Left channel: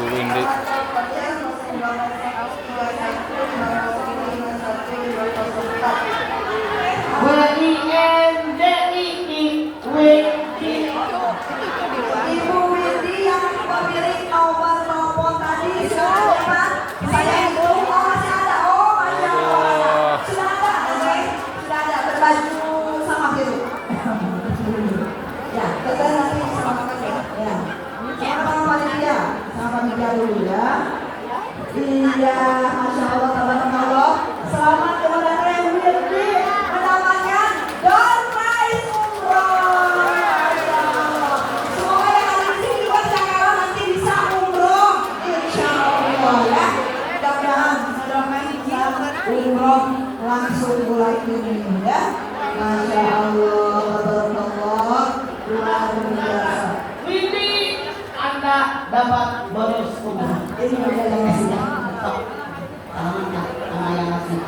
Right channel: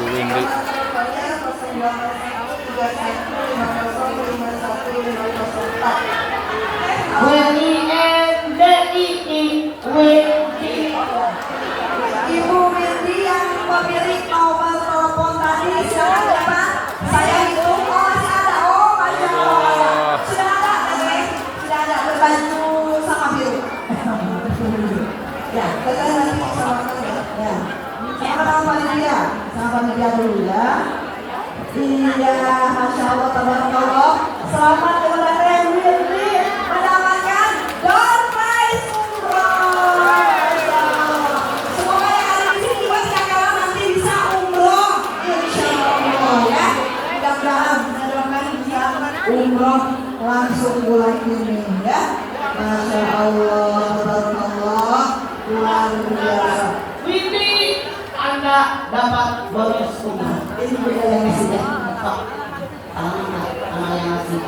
Bu Windy. Ibu Windy yang pemilik nomor telepon tadi sekarang dapat. Saya hitung, oh masih ada, oh masih ada. Sudah ada, oke? Sudah ada berbaju sama biru. Ya, kita nanti samakan ya. Ya. Sama panitia, sama panitia dulu ya. Iya, masya Allah, tabarakallah. Selamat kepada Windy mendapatkan door prize umroh. Masya Allah. Semoga yang ada di sini juga sekarang nanti bisa umroh, insya Allah ya. Mudah-mudahan bisa umroh langsung bulan ini ya. Masya Allah, tabarakallah, luar biasa. Windy, Anda dapat bonus umroh. Ini juga yang ngasih ya. Sama yang ngasih.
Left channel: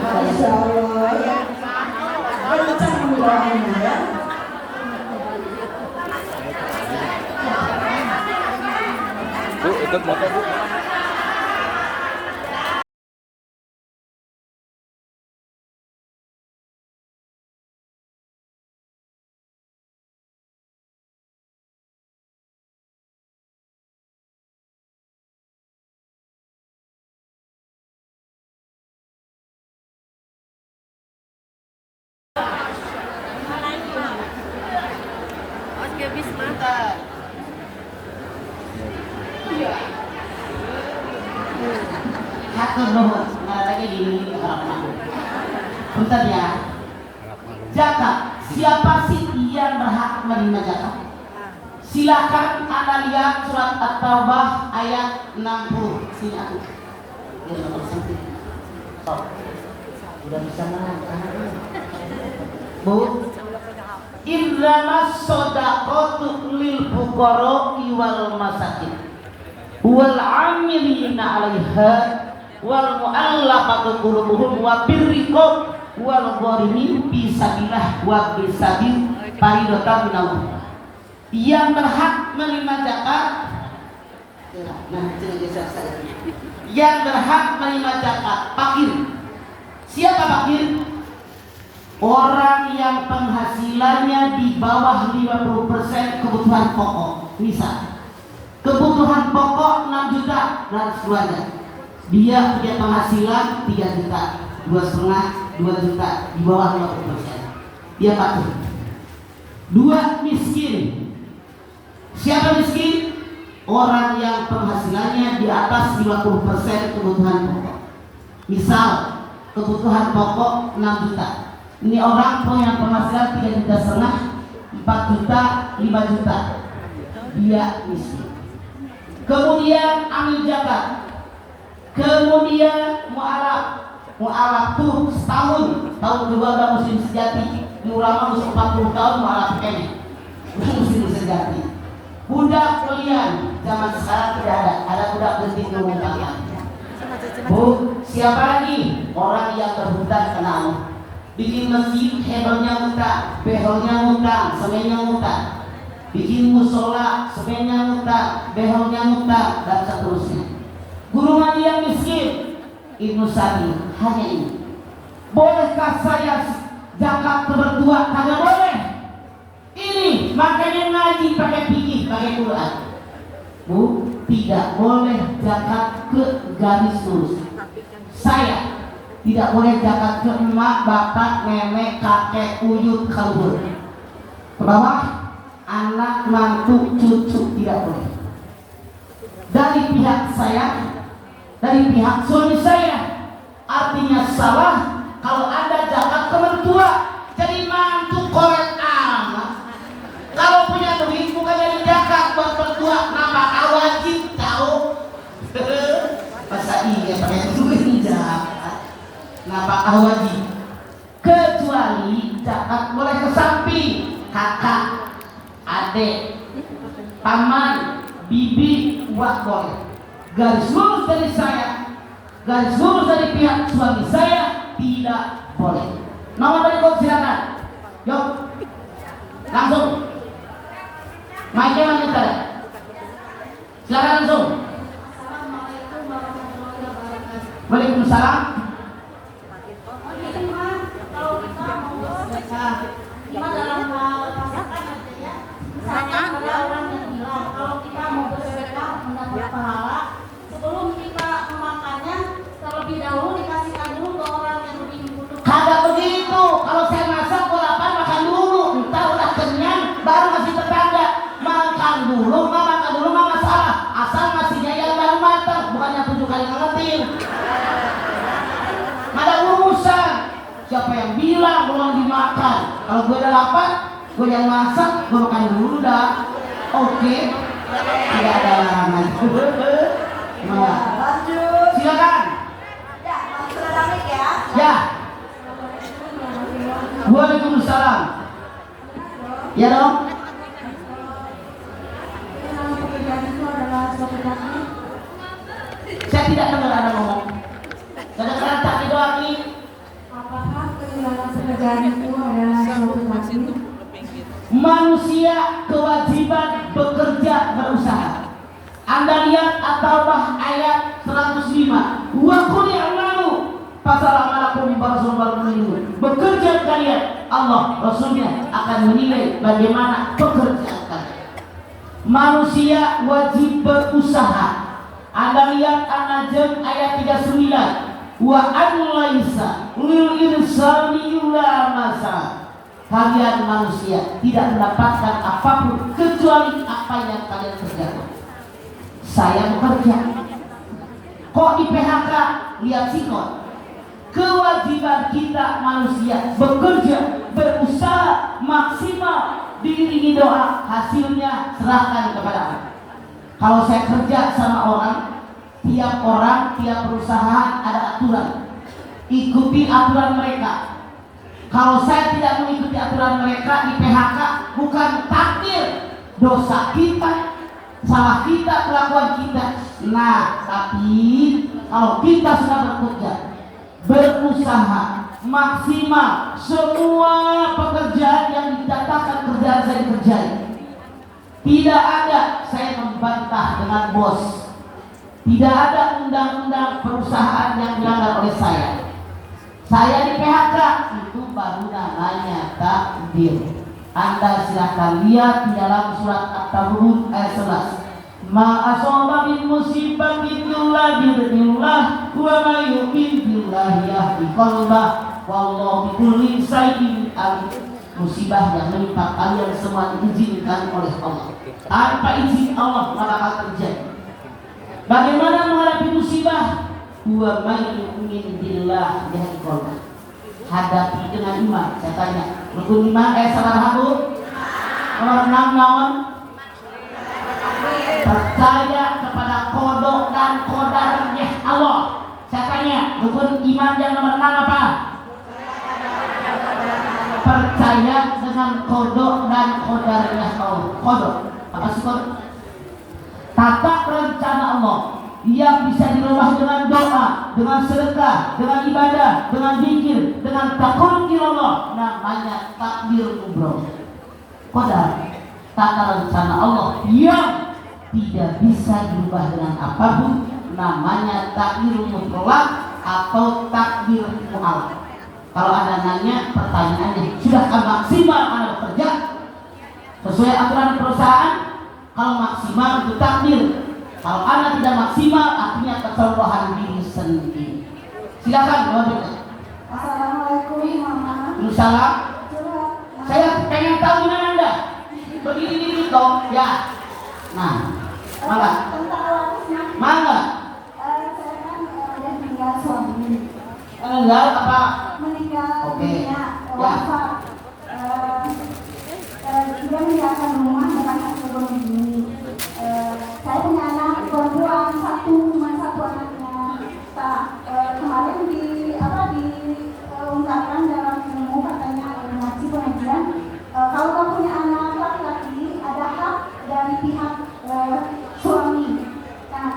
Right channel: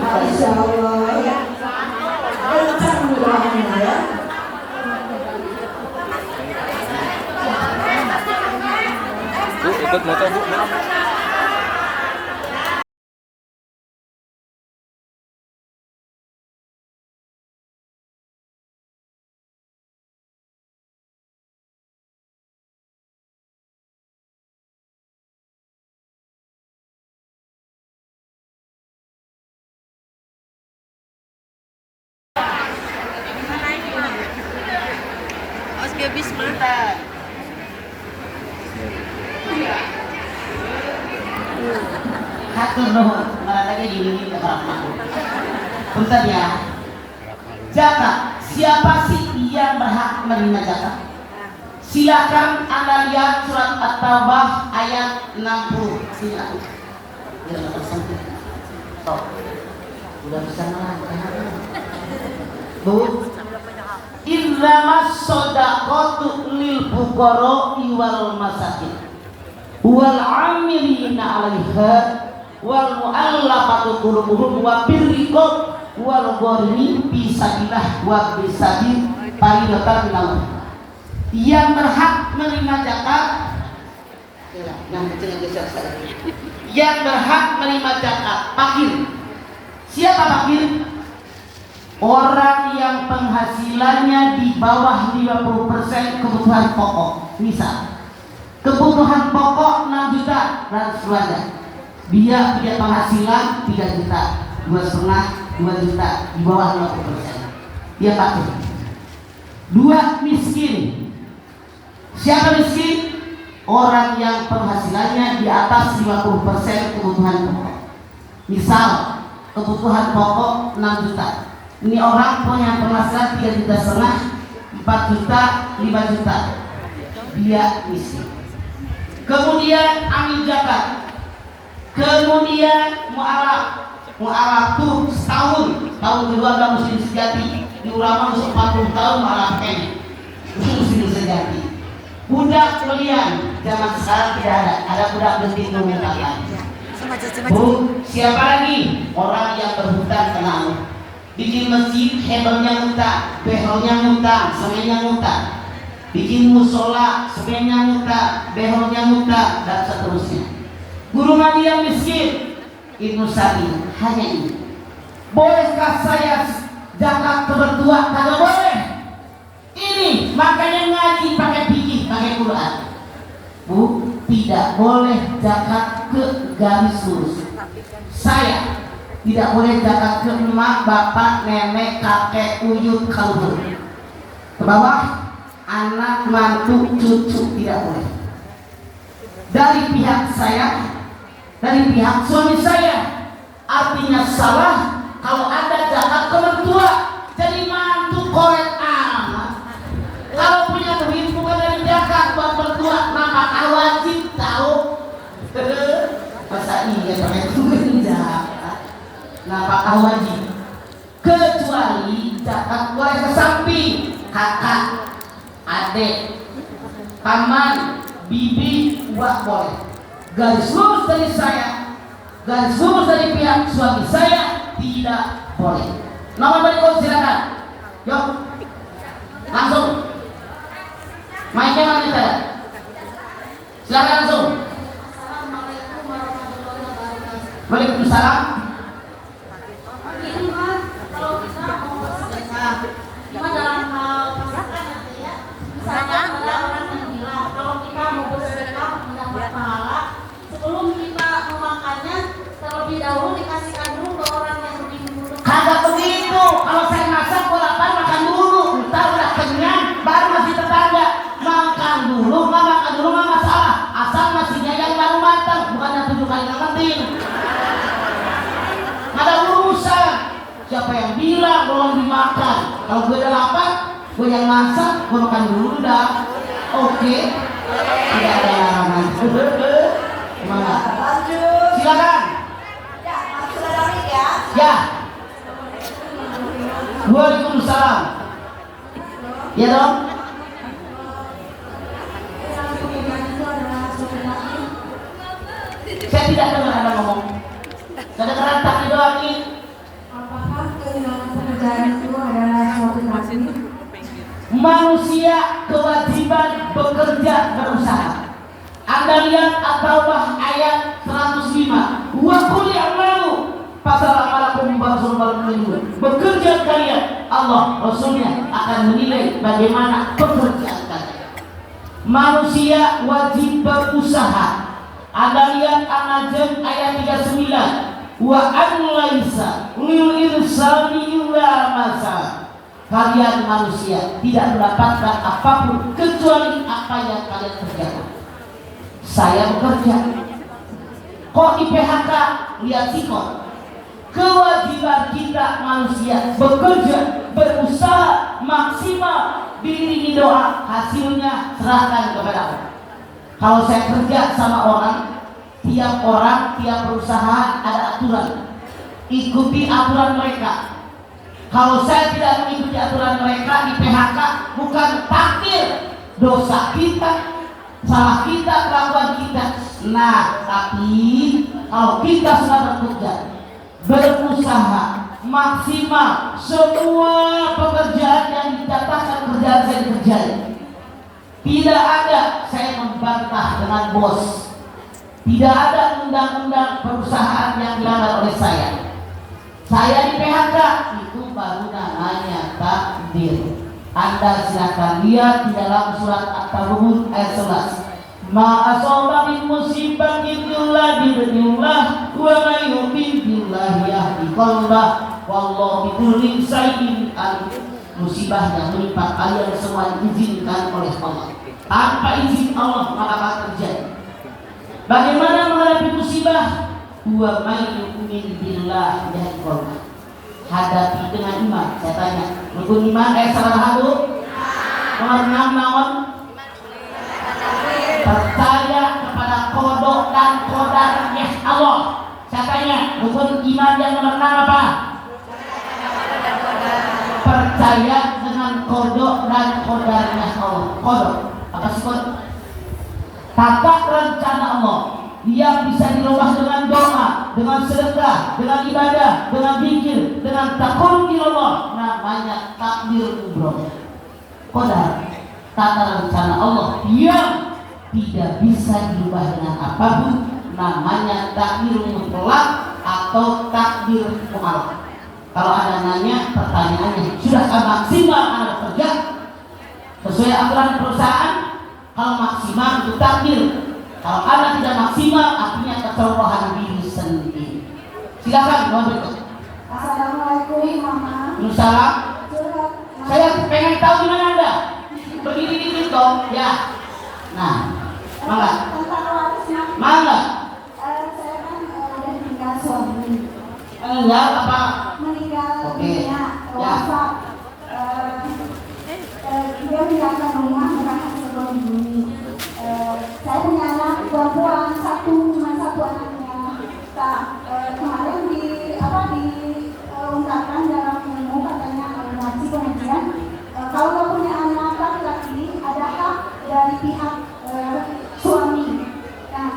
Masya Allah ya. Kencang doanya ya. Bu, ikut moto Bu. Hatur nuhun, lagi gini harap Punten ya. Zakat, siapa sih yang berhak menerima zakat? Silakan Anda lihat surat At-Taubah ayat 60. Sini aku. Stop. Udah bisa melangkah. Bu. Innamas shadaqatu lil fuqara wal masakin wal 'amilina 'alaiha wal mu'allafati qulubuhum wa birriqab wal gharimin fisabilillah wa bisabil faridatan minallah. Yang berhak menerima zakat, yang berhak menerima zakat fakir. Siapa fakir? Orang yang penghasilannya di bawah 50% kebutuhan pokok. Misal kebutuhan pokok 6 juta dan keluarga, dia punya penghasilan 3 juta, 2,5, 2 juta, di bawah 50%, dia fakir. 2, miskin. Siapa miskin? Orang yang penghasilannya di atas 50% kebutuhan pokok. Misal kebutuhan pokok 6 juta, ini orang punya penghasilan 3,5 juta, 4 juta, 5 juta, dia miskin. Kemudian amil zakat, kemudian mu'alaf tuh setahun, tahun kedua gak muslim sejati, di ulama 40 tahun mu'alaf kayaknya muslim sejati. Budak kalian zaman sekarang tidak ada budak genting mengumpulkan. Bu, siapa lagi? Orang yang berhutang kenal. Bikin masjid, hebelnya ngutang, behelnya ngutang, semennya ngutang. Bikin musola, semennya ngutang, behelnya ngutang, dan seterusnya. Guru ngaji yang miskin, Ibnu Sabi, hanya ini. Bolehkah saya zakat berdua? Kagak boleh. Ini makanya ngaji pakai fikih, pakai Quran. Bu, tidak boleh zakat ke garis lurus. Saya tidak boleh zakat ke emak, bapak, nenek, kakek, uyut, kalbur. Ke bawah, anak, mantu, cucu, tidak boleh. Dari pihak saya, dari pihak suami saya, artinya salah kalau ada zakat ke mertua. Jadi mantu korek amat. Kalau punya duit bukan dari zakat buat mertua, maka wajib tahu. Masa iya pakai duit zakat? Apakah wajib? Kecuali zakat boleh ke samping, kakak, adik, paman, bibi, wah boleh. Garis lurus dari saya, garis lurus dari pihak suami saya, tidak boleh. Nomor berikut silakan. Yuk, langsung. Waalaikumsalam. Ini mah kalau kita mau bersedekah, cuma dalam hal pasangan ya. Misalnya ada orang yang bilang kalau kita mau bersedekah mendapat pahala, sebelum kita memakannya terlebih dahulu dikasihkan dulu ke orang yang lebih membutuhkan. Kagak begitu. Kalau saya masak gua lapar makan dulu. Ntar udah kenyang baru ngasih tetangga. Makan dulu, nggak masalah. Asal nasinya yang baru matang, bukan yang 7 kali ngetin. Ada urusan. Siapa yang bilang belum dimakan? Kalau gue udah lapar, gue yang masak, gue makan dulu dah. Oke. Tidak ada larangan. Ya, lanjut. Silakan. Ya, Mas sudah David ya. Ya. Waalaikumsalam. Ya dong. Dalam pekerjaan itu adalah suatu takdir. Saya tidak dengar Anda ngomong. Saya dengar kaki doang nih. Apakah kehilangan pekerjaan itu adalah suatu takdir? Manusia kewajiban bekerja berusaha. Anda lihat ataulah ayat 105. Wa qul ya'malu fasalakum barasul minggu. Bekerja kalian, Allah Rasulnya akan menilai bagaimana pekerjaan kalian. Manusia wajib berusaha. Anda lihat An-Najm ayat 39. Wa an laisa lil insani illa masa. Kalian manusia tidak mendapatkan apapun kecuali apa yang kalian kerjakan. Saya bekerja. Kok di PHK? Lihat sikon. Kewajiban kita manusia bekerja, berusaha maksimal, diiringi doa, hasilnya serahkan kepada Allah. Kalau saya kerja sama orang, tiap perusahaan ada aturan. Ikuti aturan mereka. Kalau saya tidak mengikuti aturan mereka di PHK, bukan takdir, dosa kita, salah kita, kelakuan kita. Nah, tapi kalau kita sudah bekerja, berusaha maksimal, semua pekerjaan yang dikatakan kerjaan saya dikerjain. Tidak ada saya membantah dengan bos. Tidak ada undang-undang perusahaan yang dilanggar oleh saya. Saya di PHK, itu baru namanya takdir. Anda silakan lihat di dalam surat At-Taubah ayat 11. Ma asaba min musibatin illa bi'idznillah wa may yu'min billahi yahdi qalbah wallahu bikulli syai'in alim. Musibah yang menimpa kalian semua diizinkan oleh Allah. Tanpa izin Allah maka akan terjadi. Bagaimana menghadapi musibah? Wa may yu'min billahi yahdi qalbah. Hadapi dengan iman. Saya tanya, rukun iman salah satu? Nomor 6 naon? Percaya kepada kodok dan qadarnya Allah. Saya tanya, rukun iman yang nomor 6 apa? Percaya dengan kodok dan qadarnya Allah. Kodok, apa sih kodok? Tata rencana Allah yang bisa dirubah dengan doa, dengan sedekah, dengan ibadah, dengan zikir, dengan takarrub ila Allah, namanya takdir bro. Qadar, tata rencana Allah yang tidak bisa dirubah dengan apapun, namanya takdir mutlak atau takdir mu'allaq. Kalau Anda nanya pertanyaannya, sudahkah maksimal Anda bekerja sesuai aturan perusahaan? Kalau maksimal itu takdir. Kalau Anda tidak maksimal, artinya kesalahan diri sendiri. Silakan, Assalamualaikum Mama. Waalaikumsalam. Saya pengen tahu di mana Anda. Berdiri di situ, ya. Nah, mangga. Mangga. Saya kan ada meninggal suami. Meninggal apa? Meninggal dunia, wafat. Dia meninggalkan rumah dengan hasil bunuh diri. Saya punya anak perempuan cuma satu anaknya. Kemarin diungkapkan dalam ilmu katanya ngaji pengajian, kalau kamu punya anak laki-laki ada hak dari pihak suami. Nah,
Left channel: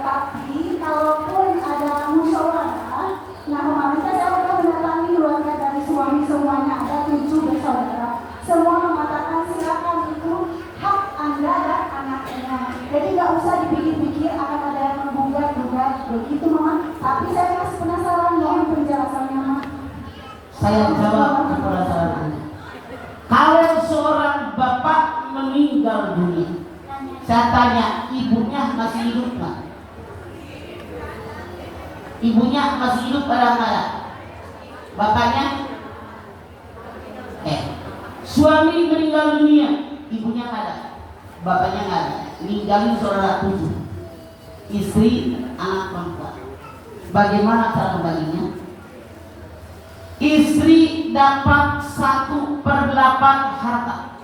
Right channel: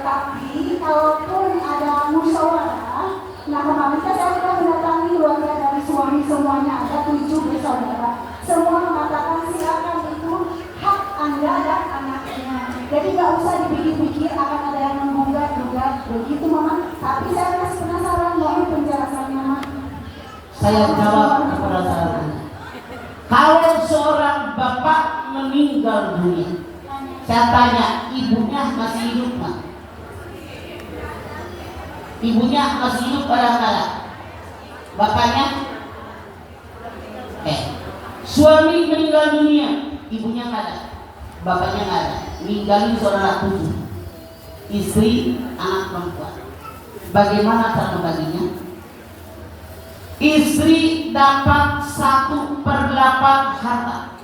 tapi kalaupun ada musyawarah, nah kemarin saya sudah mendatangi keluarga dari suami, semuanya ada 7 bersaudara. Semua mengatakan silakan, itu hak Anda dan Saya jawab kepada saudara, kalau seorang bapak meninggal dunia, saya tanya, ibunya masih hidup nggak? Ibunya masih hidup kadang-kadang, bapaknya suami meninggal dunia, ibunya nggak ada, bapaknya nggak ada, ninggalin saudara 7, istri, anak perempuan. Bagaimana cara membaginya? Istri dapat 1/8 harta,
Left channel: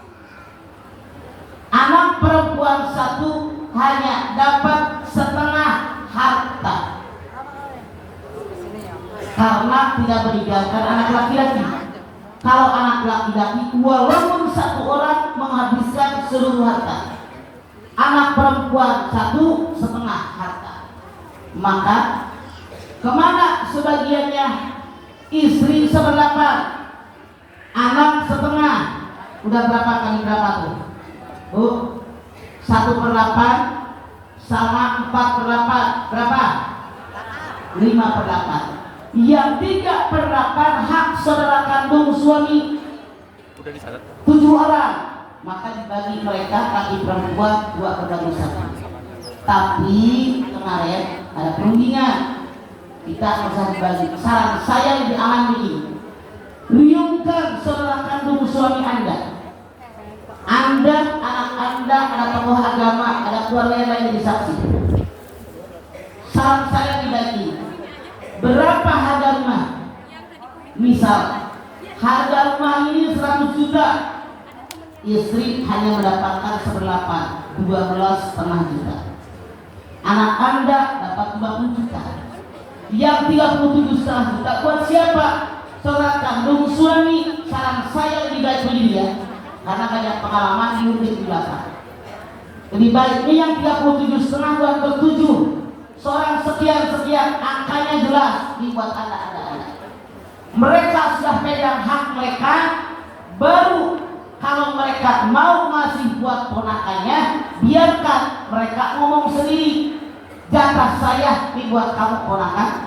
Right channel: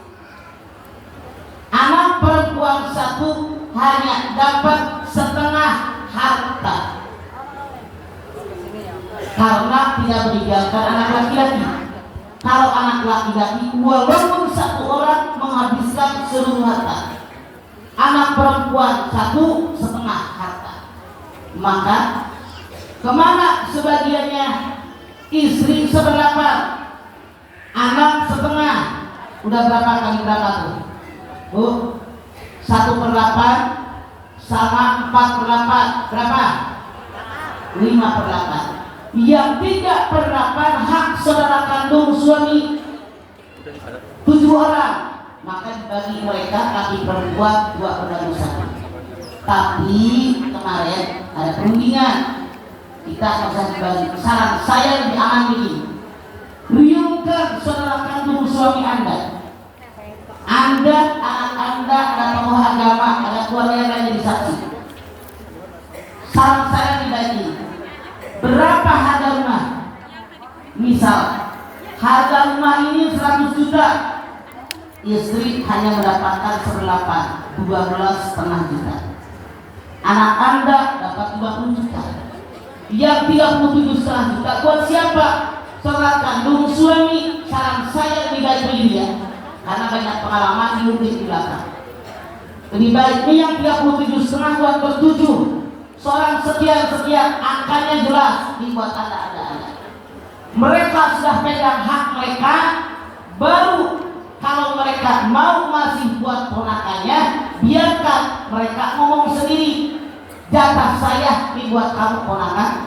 anak perempuan 1 hanya dapat setengah harta, karena tidak meninggalkan anak laki-laki. Kalau anak laki-laki walaupun 1 orang menghabiskan seluruh harta, anak perempuan 1/2 harta, maka kemana sebagiannya? Istri 1/8, anak 1/2. Udah berapa kali berapa tuh, Bu? 1/8 sama 4/8 berapa? 5/8. Yang 3/8 hak saudara kandung suami 7 orang, maka dibagi mereka laki perempuan 2/1. Tapi kemarin ada perundingan, kita nggak usah dibagi. Saran saya lebih aman begini, riungkan saudara kandung suami Anda, anak Anda, ada tokoh agama, ada keluarga yang lain jadi saksi. Saran saya dibagi, berapa harga rumah? Misal harga rumah ini 100 juta, istri hanya mendapatkan 1/8, 12,5 juta. Anak Anda dapat 50 juta. Yang 37,5 juta buat siapa? Saudara kandung suami. Saran saya lebih baik begini ya, karena banyak pengalaman di belakang. Lebih baik yang 37,5 buat bertujuh, seorang sekian, angkanya jelas dibuat Anda. Mereka sudah pegang hak mereka, baru kalau mereka mau masih buat ponakannya, biarkan mereka ngomong sendiri. Jatah saya dibuat kamu ponakan,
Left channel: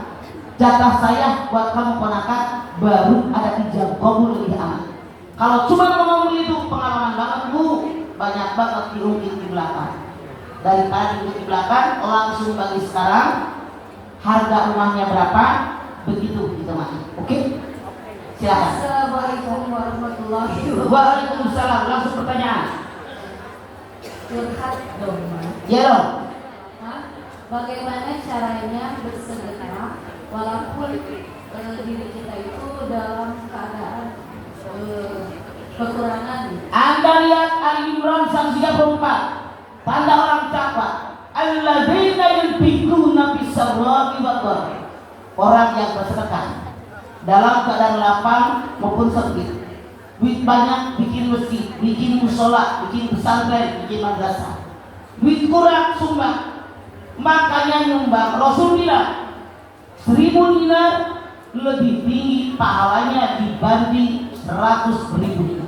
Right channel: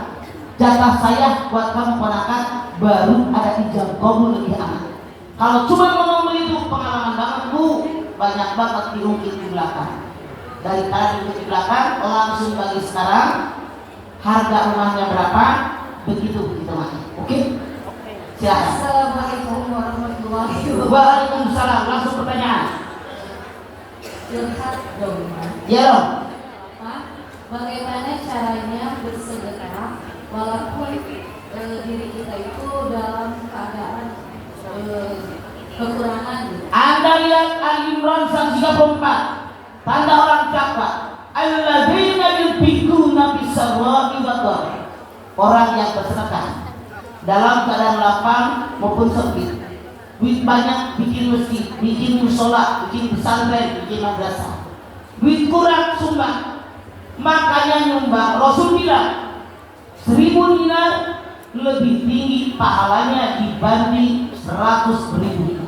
jatah saya buat kamu ponakan, baru ada ijab kabul lebih aman. Kalau cuma ngomong begitu, pengalaman banget Bu, banyak banget diungkit di belakang. Dari tadi di belakang langsung bagi sekarang, harga rumahnya berapa, begitu Mas. Oke? Silakan. Assalamualaikum warahmatullahi wabarakatuh. Waalaikumsalam. Langsung pertanyaan. Curhat dong, Mas. Ya dong. Bagaimana caranya bersedekah walaupun diri kita itu dalam keadaan kekurangan? Anda lihat Al-Imran 134, tanda orang takwa. Alladzina yunfiquna fis-sarra'i wad-dharra'i. Orang yang bersedekah dalam keadaan lapang maupun sempit. Duit banyak bikin masjid, bikin musola, bikin pesantren, bikin madrasah. Duit kurang sumbang. Makanya nyumbang. Rasul bilang 1000 dinar lebih tinggi pahalanya dibanding 100.000 dinar.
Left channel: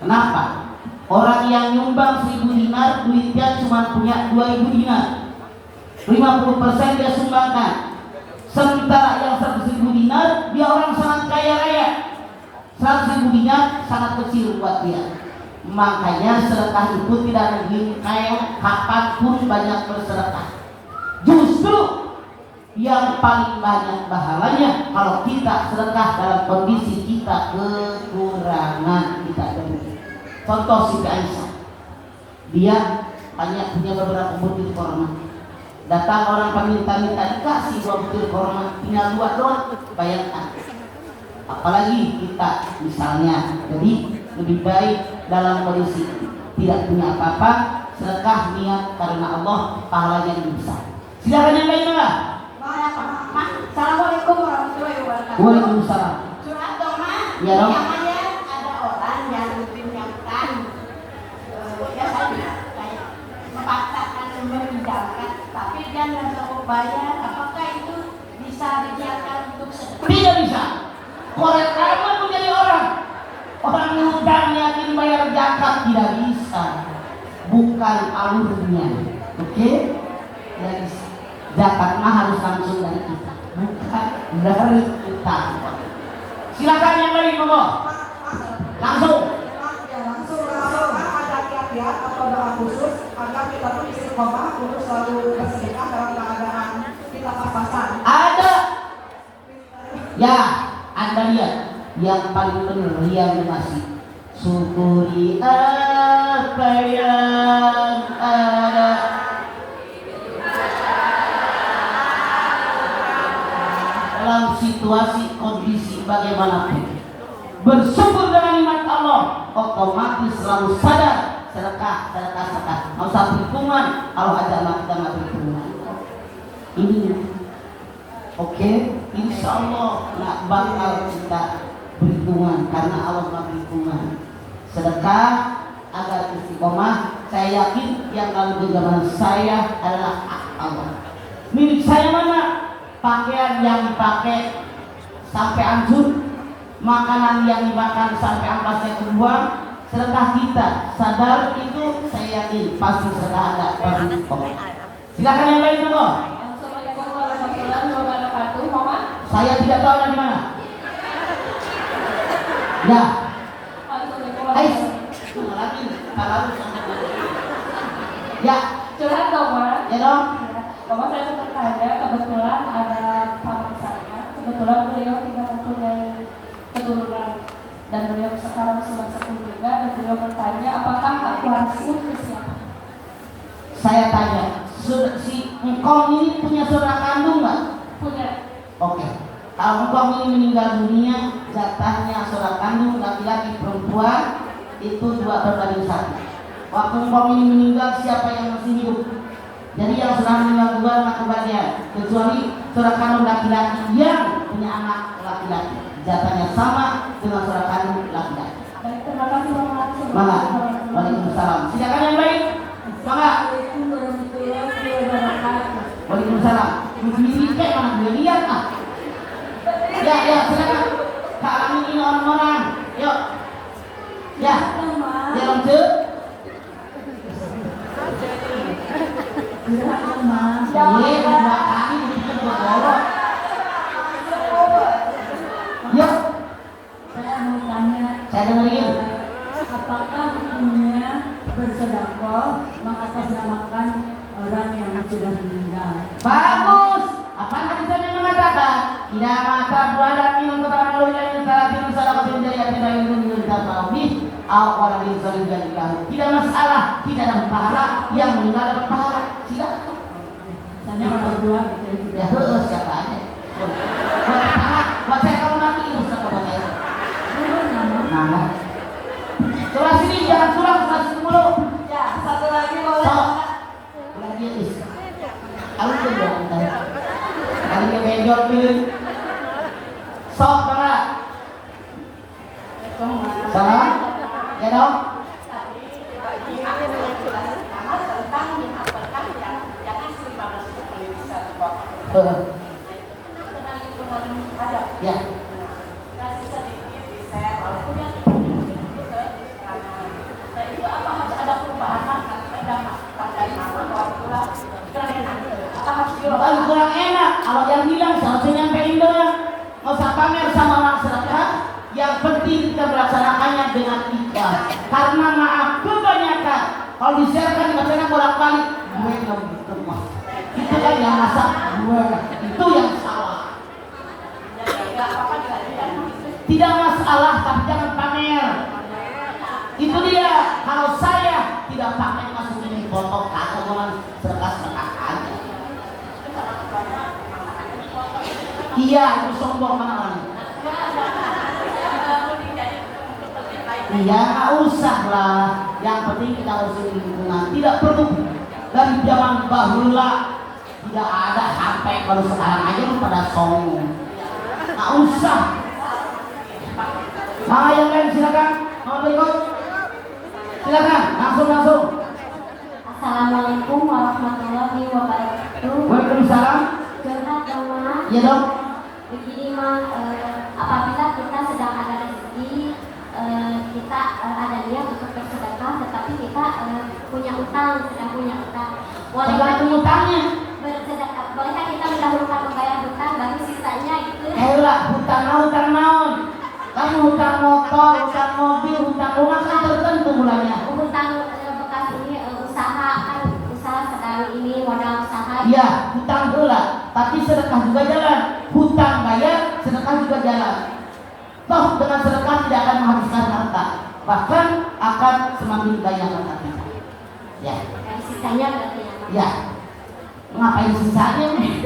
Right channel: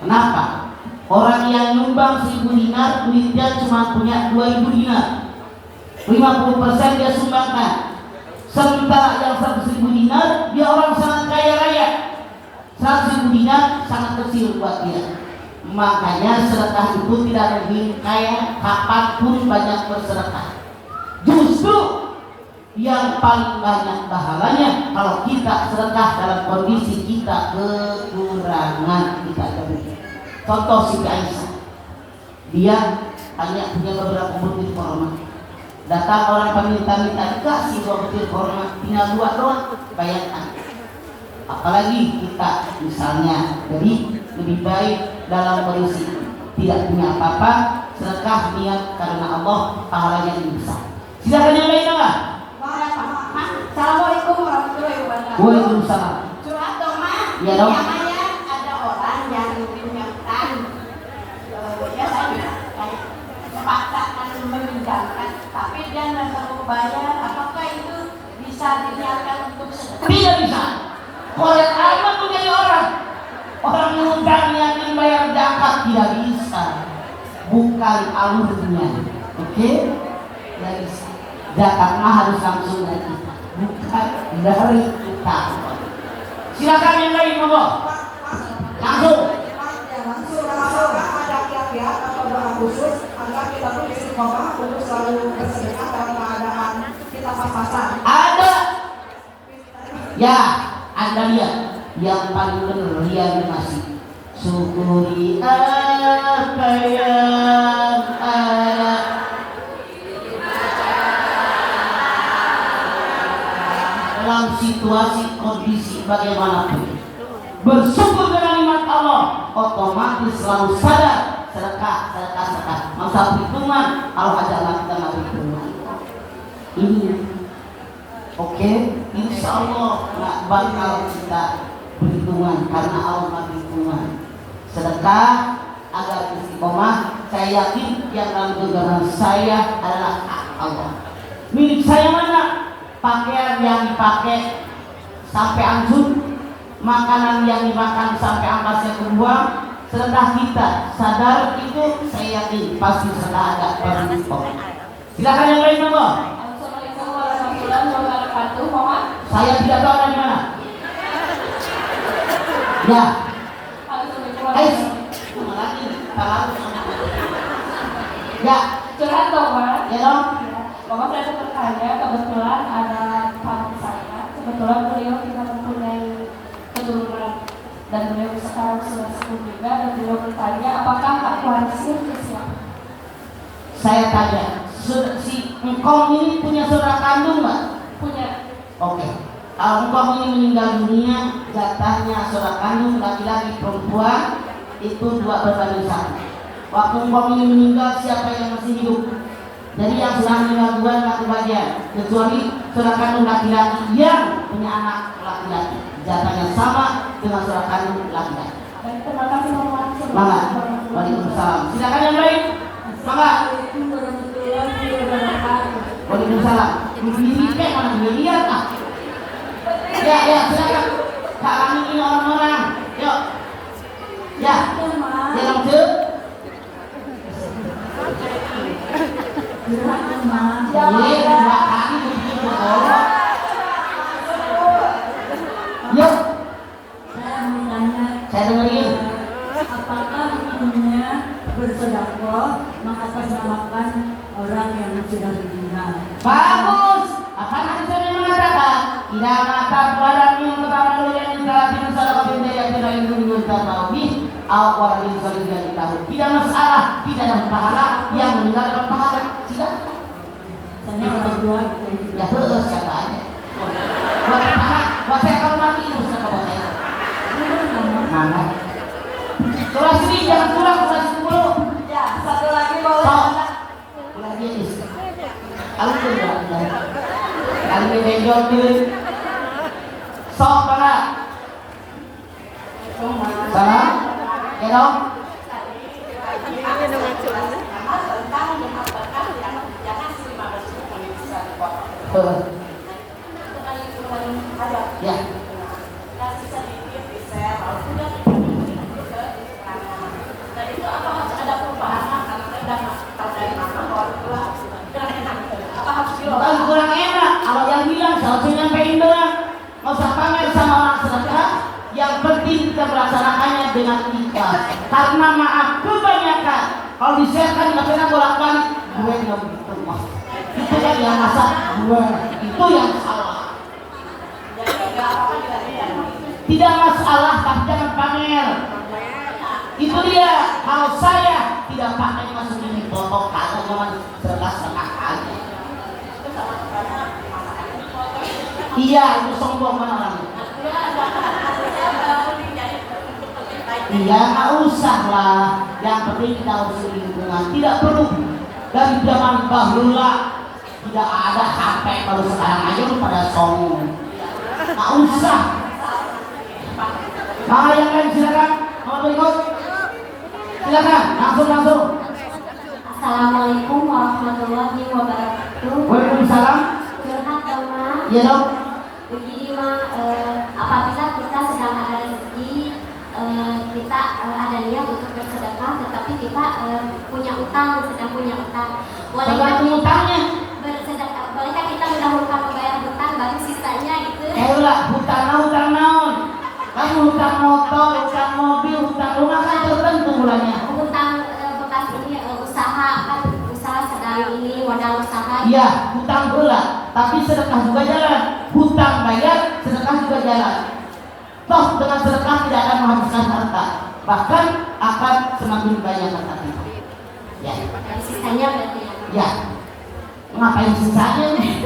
Kenapa? Orang yang nyumbang 1000 dinar, duitnya cuma punya 2000 dinar, 50% dia sumbangkan. Sementara yang 100.000 dinar, dia orang sangat kaya raya. 100.000 dinar sangat kecil buat dia. Makanya sedekah itu tidak lebih kaya kapanpun banyak bersedekah. Justru yang paling banyak pahalanya kalau kita sedekah dalam kondisi kita kekurangan, kita demikian. Contoh Siti Aisyah, dia hanya punya beberapa butir korma. Datang orang peminta-minta, dikasih 2 butir korma, tinggal 2 doang, bayangkan. Apalagi kita misalnya, jadi lebih baik dalam kondisi tidak punya apa-apa, sedekah niat karena Allah, pahalanya lebih besar. Silakan yang lain enggak? Assalamualaikum warahmatullahi wabarakatuh. Waalaikumsalam. Curhat dong, Mas. Iya dong. Yang ada orang yang punya utang. Ya saya kayak memaksakan meminjamkan, tapi dia nggak sanggup bayar. Apakah itu bisa diniatkan untuk sedekah? Tidak bisa. Korek amat menjadi orang. Orang ngutang niatin bayar zakat tidak bisa. Bukan alurnya. Oke? Tidak bisa. Zakat mah harus langsung dari kita, bukan dari kita. Silakan yang lain, monggo. Langsung. Langsung ada kiat-kiat atau doa khusus agar kita tuh istiqomah untuk selalu bersedekah dalam keadaan kita pas-pasan. Ada. Ya, Anda lihat yang paling benar Rian masih syukuri apa yang ada. Dalam situasi kondisi bagaimanapun, bersyukur dengan nikmat Allah, otomatis selalu sadar sedekah. Nggak usah perhitungan, Allah aja kita nggak perhitungan. Ini, oke, insya Allah nggak bakal kita perhitungan karena Allah nggak perhitungan. Sedekah agar istiqomah. Saya yakin yang dalam genggaman saya adalah hak Allah. Milik saya mana? Pakaian yang dipakai sampai hancur, makanan yang dimakan sampai ampasnya kebuang. Sedekah kita sadar itu, saya yakin pasti sedekah ada perhitungan. Silakan yang lain, monggo. Assalamualaikum warahmatullahi wabarakatuh. Mama. Saya tidak tahu dari mana. Ya. Hai. Cuma lagi. Ya. Curhat dong, Ma. Ya dong. Mama saya bertanya, kebetulan ada kawan saya, kebetulan beliau tidak mempunyai keturunan dan beliau sekarang sudah sepuh juga, dan beliau bertanya apakah hak warisnya ke siapa? Saya tanya, si engkong ini punya saudara kandung nggak? Punya. Oke. Kalau engkong ini meninggal dunia, jatahnya saudara kandung laki-laki perempuan itu 2 berbanding 1. Waktu engkong ini meninggal, siapa yang masih hidup? Jadi yang sudah meninggal 2 nggak kebagian, kecuali saudara kandung laki-laki yang punya anak laki-laki, jatahnya sama dengan saudara kandung laki-laki. Baik, terima kasih Mama. Mangga. Waalaikumsalam. Silakan yang lain. Mangga. Assalamualaikum warahmatullahi wabarakatuh. Waalaikumsalam. Begini kayak mana dia lihat ah? Ya silakan. Kak kami ini orang-orang. Yuk. Ya. Ya langsung. Iya, 2 kali bikin berbolak. Yuk. Saya mau tanya, Saya dengerin. apakah hukumnya bersedekah mengatasnamakan orang yang sudah meninggal? Bagus. Apa nanti saya mengatakan? Tidak mata buaran yang pertama yang terakhir salah pendaya tidak itu tarawih awal din solidan tahu. Tidak masalah, tidak ada pahala yang meninggal dapat pahala. Silakan. Saya orang tua gitu. Ya terus kata aja. Buat pahala, buat saya kalau nanti usah kepada saya. Mana? Sebelah sini jangan curang, sebelah sini dulu. Ya, satu lagi boleh. So, lagi is. Kalau tu dia, kali ini benjol tu. Sok banget. Salam. Ya dong. Ya. Kalau kurang enak, kalau yang bilang seharusnya nyampein doang. Nggak usah pamer sama orang sedekah. Yang penting kita melaksanakannya dengan ikhlas. Karena maaf kebanyakan kalau disiarkan di masyarakat bolak-balik, gue nggak gitu mah. Itu kan yang masak gue, itu yang salah. Tidak masalah, tapi jangan pamer. Itu dia. Kalau saya tidak pakai masukin foto kagak jangan sedekah aja. Iya, itu sombong mana lagi? Iya, nggak usah lah. Yang penting kita urusin lingkungan. Tidak perlu dari zaman bahula tidak ada sampai baru sekarang aja pada sombong. Nggak usah. Yang lain silakan. Mau berikut? Silakan, langsung. Assalamualaikum warahmatullahi wabarakatuh. Waalaikumsalam. Curhat dong, Ma. Iya dong. Begini, Ma, apabila kita sedang ada rezeki, kita ada niat untuk bersedekah, tetapi kita sedang punya utang. Tergantung utangnya. Bersedekah, bolehkah kita mendahulukan membayar hutang baru sisanya gitu? Ayolah, hutang naon. Kan hutang motor, hutang mobil, hutang rumah kan tertentu bulannya. Hutang bekas ini usaha kan, usaha sedang ini modal usaha. Iya, hutang pula, tapi sedekah juga jalan. Hutang bayar, sedekah juga jalan. Toh dengan sedekah tidak akan menghabiskan harta, bahkan akan semakin banyak harta kita. Ya. Sisanya berarti ya. Ya. Ngapain sisanya nih?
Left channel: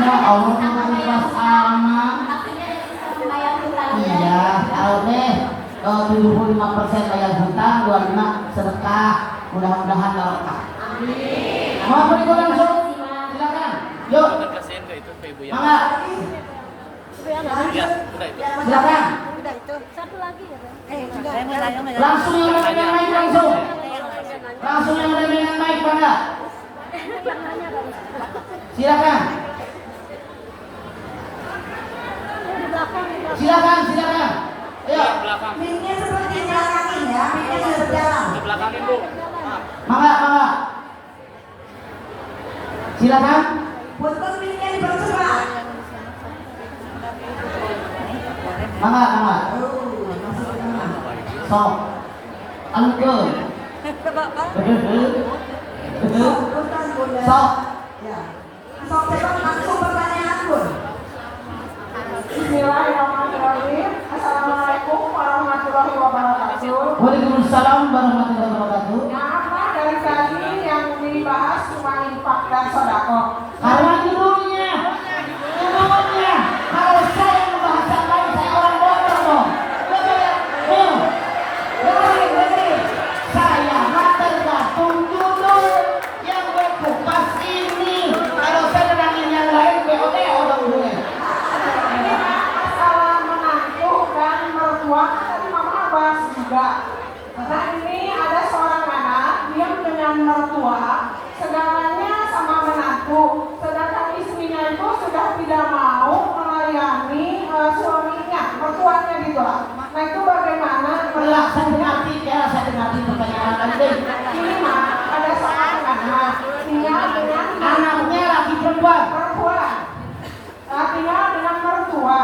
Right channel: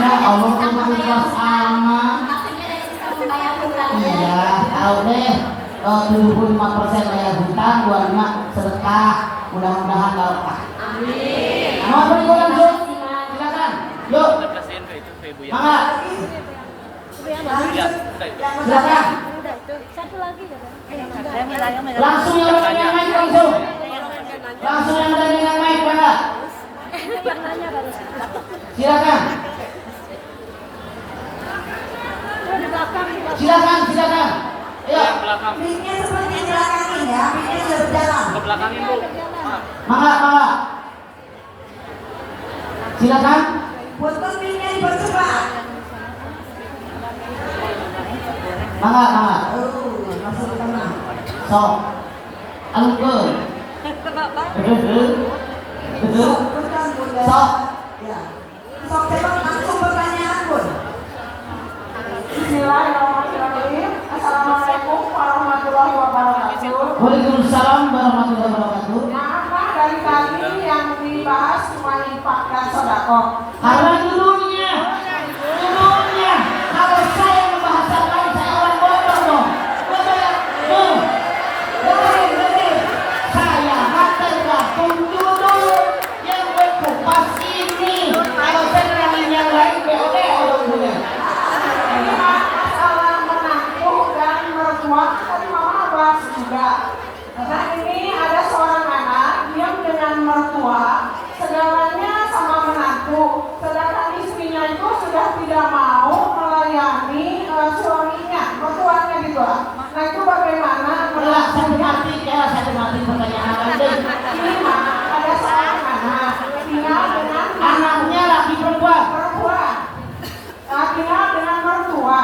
Ya Allah, kamu ikhlas aman. Tapi dia bisa membayar hutangnya. Iya, tahu deh. 75% bayar hutang, 25 sedekah. Mudah-mudahan barokah. Amin. Mau beri langsung? Terima kasih, Mas. Silakan. Yuk. Mangga. Silakan. Satu lagi ya, Bang. Langsung yang naik langsung. Langsung yang naik, Mangga. Silakan. Silakan. Ayo. Mic-nya seperti belakangin ya, mic-nya sudah berjalan. Mangga. Silakan. Punten mic-nya dipercepat. Mangga. Masuk ke tengah. Sok. Alungkeun. Punten Bunda. Sok. Ya. Sok coba langsung pertanyaan pun. Bismillahirrahmanirrahim. Assalamualaikum warahmatullahi wabarakatuh. Waalaikumsalam warahmatullahi wabarakatuh. Kenapa dari tadi yang dibahas cuma infak dan sedekah? Karena dulunya kalau saya membahas lain saya orang bodoh dong. Betul ya? Dari saya tergantung dulu yang berkupas ini. Kalau saya terangin yang lain, BOD orang dulu. Ini masalah menantu dan mertua tadi mama bahas juga. Nah ini ada seorang anak diam dengan mertua, segalanya sama menantu, sedangkan istrinya itu sudah tidak mau melayani suaminya, mertuanya gitu lah. Nah itu bagaimana? Saya mati pertanyaan Anda. Ini mah ada seorang anak tinggal dengan Anaknya laki perempuan. perempuan, tinggal dengan mertua.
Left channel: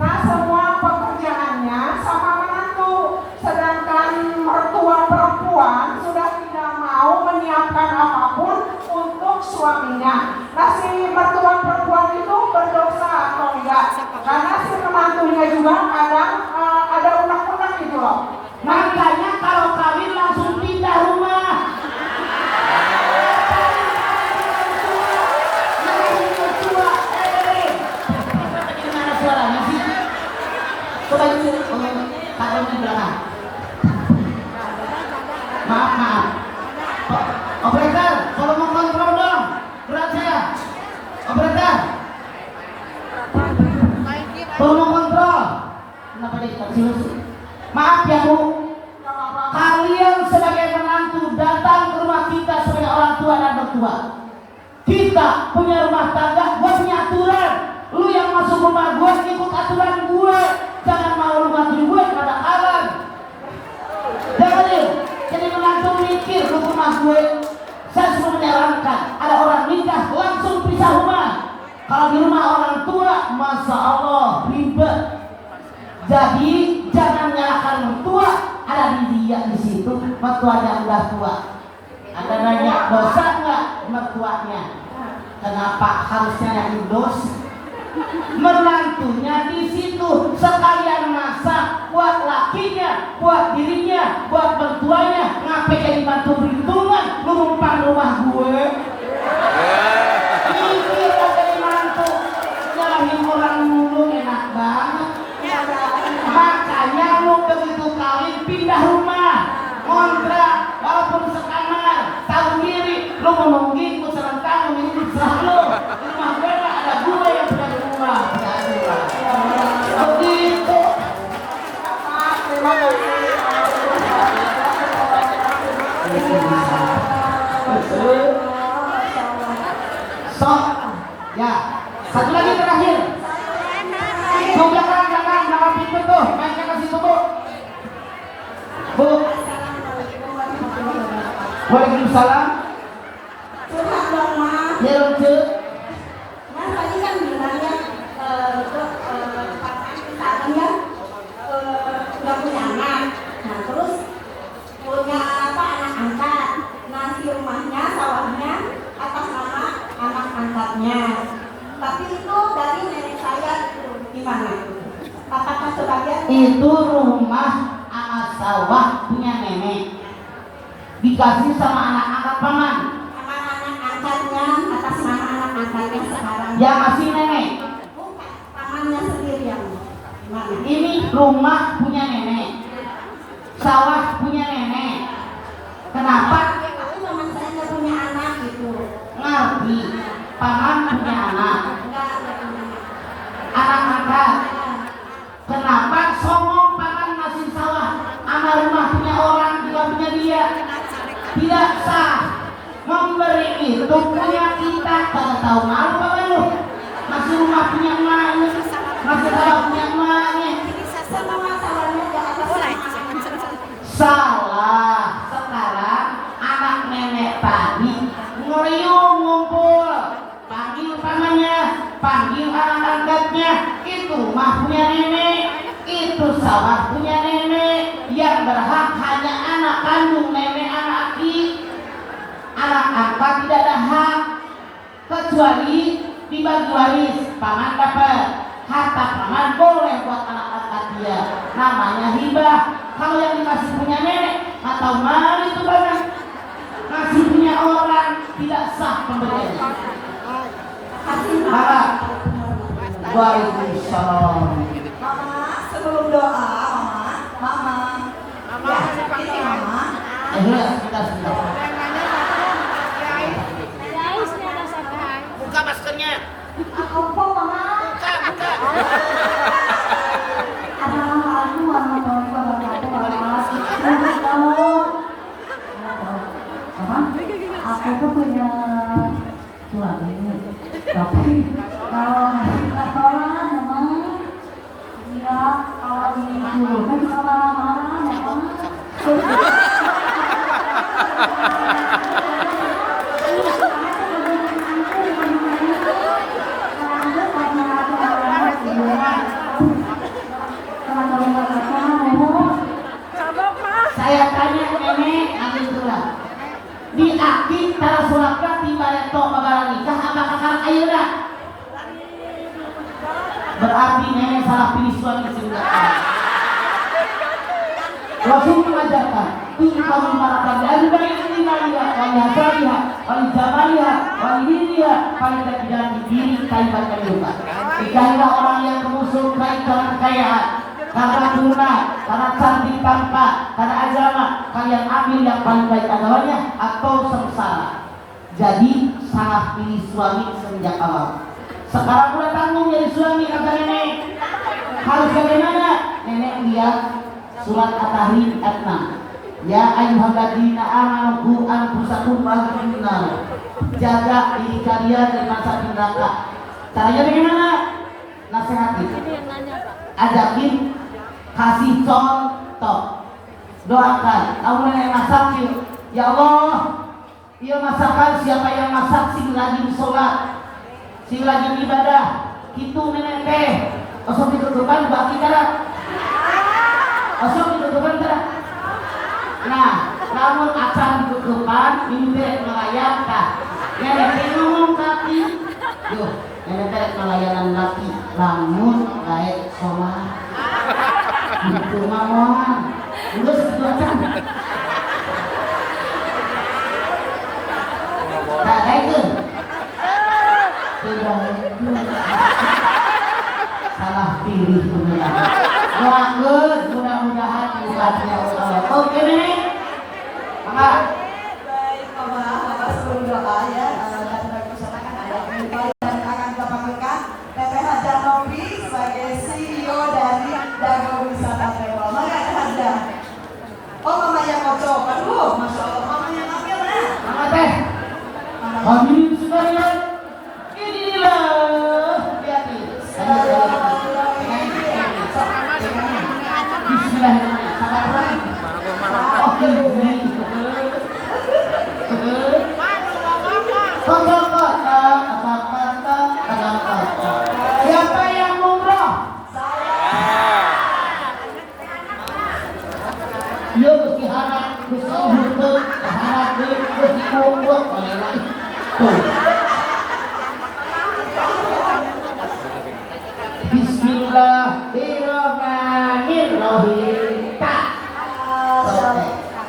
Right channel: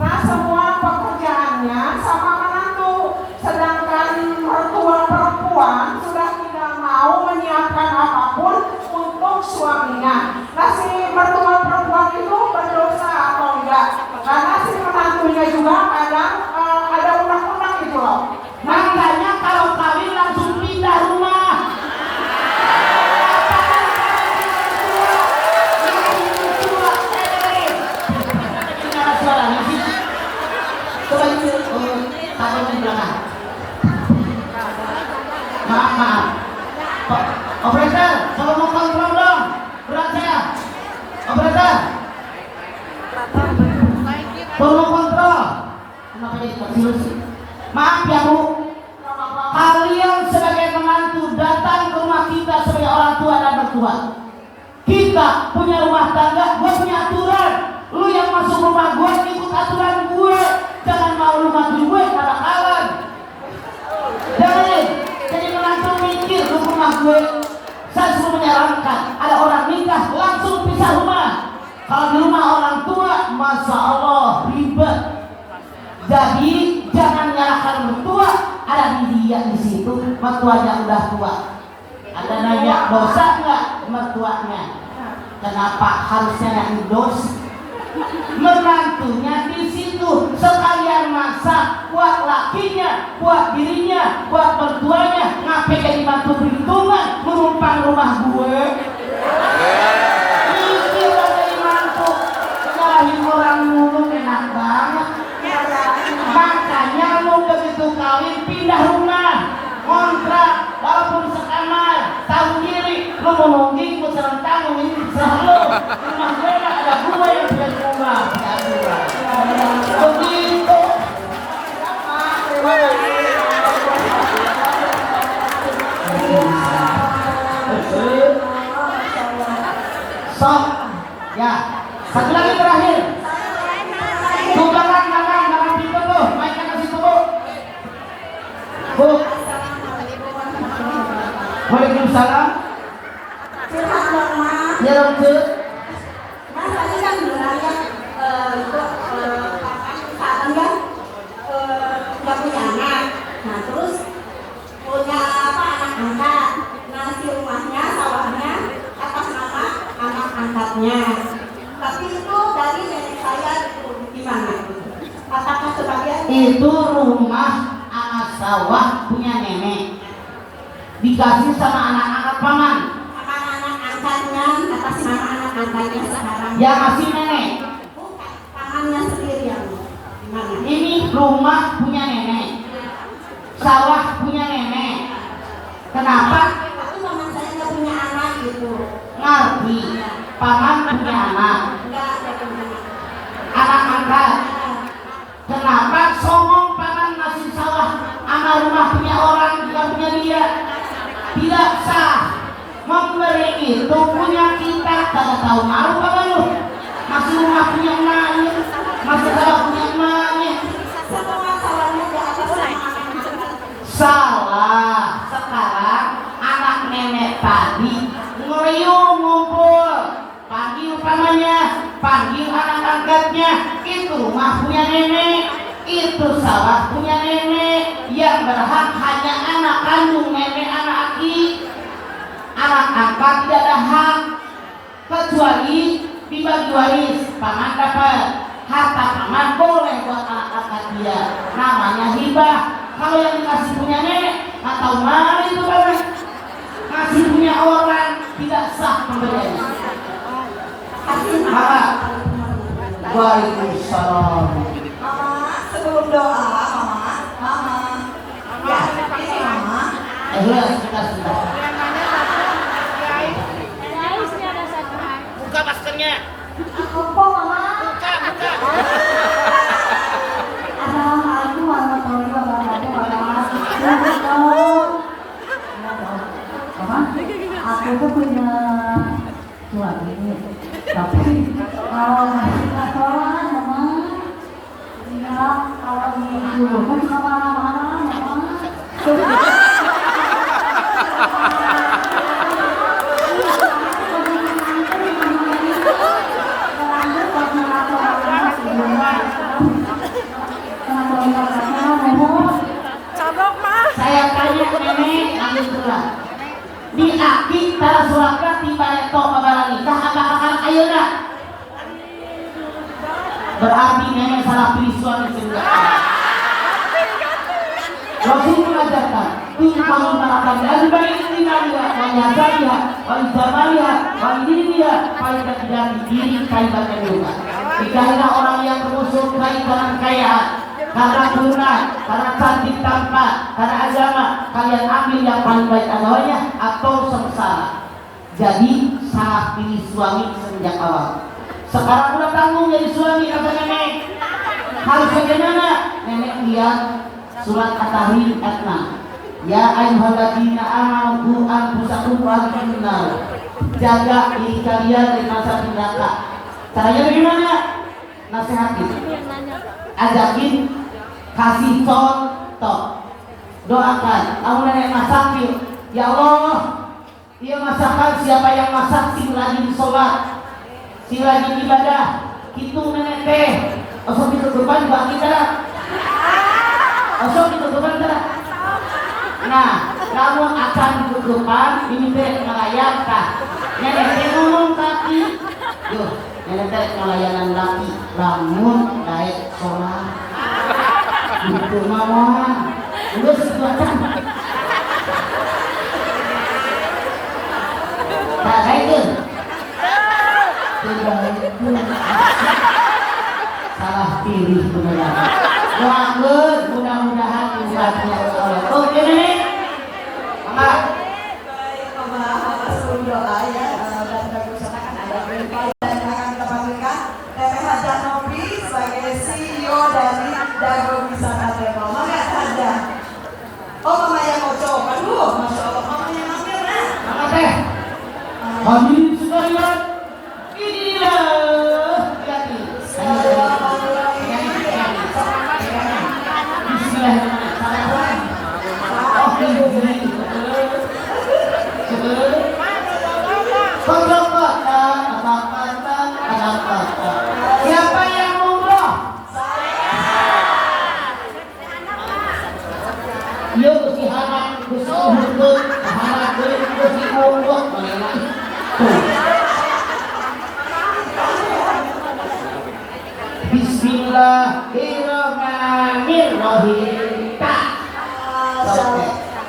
Nah semua pekerjaannya sama menantu, sedangkan mertua perempuan sudah tidak mau menyiapkan apapun untuk suaminya. Nah si mertua perempuan itu berdosa atau enggak? Karena si menantunya juga kadang ada undang-undang gitu loh. Makanya kalau kawin langsung pindah rumah. Coba ini taruh di belakang. Maaf. Operator, tolong kontrol dong. Berat saya. Operator. Tolong kontrol. Kenapa jadi kecil? Maaf ya Bu. Kalian sebagai menantu datang ke rumah kita sebagai orang tua dan mertua. Kita punya rumah tangga, gue punya aturan. Lu yang masuk rumah gue ikut aturan gue. Jangan mau lu ngatur gue pada kawan. Jadi menantu mikir lu rumah gue. Saya suruh menyarankan ada orang nikah langsung pisah rumah. Kalau di rumah orang tua, masya Allah ribet. Jadi jangan nyalakan mertua, ada dia di situ, mertuanya udah tua. Ada nanya dosa nggak mertuanya? Kenapa harusnya yang dosa? Menantunya di situ sekalian masak buat lakinya, buat dirinya, buat mertuanya. Ngapain jadi bantu perhitungan menumpang rumah gue? Itu mau jadi mantu nyalahin orang mulu enak banget. Makanya lu begitu kawin pindah rumah, kontrak, walaupun sekamar, tahu diri, lu mau nungging, lu serang tanggung ini selalu. Rumah gue gak ada gue yang punya rumah. Begitu. Sok, ya, satu lagi terakhir. Coba jangan pintu tuh, mainkan ke situ Bu. Bu. Waalaikumsalam. Curhat dong Mas. Ya lanjut. Mas tadi kan bilang ya untuk pakai misalkan kan tempatnya. Tapi itu dari nenek saya itu gimana? Apakah sebagian Itu rumah anak sawah punya nenek, dikasih sama anak-anak paman. sama anak angkatnya atas nama anak angkatnya sekarang? Yang masih nenek. Bukan, pamannya sendiri yang gimana? Ini rumah punya nenek, sawah punya nenek. Kenapa? Tapi paman saya nggak punya anak gitu. Ngerti, paman punya anak, Nggak ada punya anak. anak angkat. Kenapa songong paman masih sawah sama rumah punya orang bukan punya dia? Tidak sah. Memberi itu punya kita, kagak tahu malu apa lu? Masih rumah punya emaknya, masih sawah punya emaknya. Semua salahnya nggak atas nama anak. Salah. Sekarang anak nenek tadi ngeliung ngumpul, panggil pamannya, panggil anak angkatnya. Itu rumah punya nenek, itu sawah punya nenek. Yang berhak hanya anak kandung nenek, anak aki. Anak angkat tidak ada hak kecuali dibagi waris. Paman dapat harta, paman boleh buat anak angkat dia, namanya hibah. Kalau yang dikasih punya nenek atau mana itu paman masih punya orang, tidak sah pemberiannya. Kasih Maka Waalaikumsalam. Mama, sebelum doa, Mama. Ya, ini Mama. Kita sudah. Buka maskernya. Apa mama? Assalamualaikum warahmatullahi wabarakatuh. Mama, aku tuh punya suami, tapi kalau ngasih kantoran, mama, dia kalau disuruh kan suka marah-marah, mama. Saya tanya nenek nanti surat di akik tara suratnya tiba itu kabar nikah apakah kan ayeuna berarti nenek salah pilih suami sendiri. Rasul mengajarkan kamu merakan dari bayi dinamiha wajahnya wajahnya wajahnya paling tidak diri kaitannya juga. Nikahilah orang yang bermusuh kaitan kekayaan, karena turunan, karena cantik tampan, karena agama. Kalian ambil yang paling baik agamanya atau sengsara. Jadi salah pilih suami sejak awal. Sekarang udah tanggung jadi suami, kata nenek. Harus bagaimana? Nenek lihat surat At-Tahrim ayat 6. Ya ayyuhalladzina amanu anfusakum wa ahlikum nar. Jaga diri kalian dari masa neraka. Caranya bagaimana? Nasihatin, ajakin, kasih contoh, doakan. Kamu nenek masak yuk, ya Allah, ia masakan siapa yang masak si rajin sholat, si rajin ibadah, itu nenek teh. Osok ditutupan bagi cara, osok ditutupan cara. Nah, namun akan ditutupan ini teh melayakan. Nenek teh ngomong kaki, yuk. Nenek teh pelayanan laki, lamun baik sholat, itu mawon, udah sesuatu. Tak baik tu, salah pilih beneran. Doakan mudah-mudahan diberkati Allah. Oke nenek, maka. Baik, Mama sebelum doa ya, dan bagi sana kan ada berita dan akan kita panggilkan Teteh Hajah Novi sebagai CEO dari Dago Wisata Travel. Maka Hajah. Oh, Mama yang kocok. Aduh, Masya Allah, Mama yang ambil nah. Maka teh, hadirin sekalian, inilah jadi. Bismillahirrahmanirrahim. Siapa yang umroh? Iya Gusti harap, Gusti hutut, harap deui Gusti umroh. Tuh.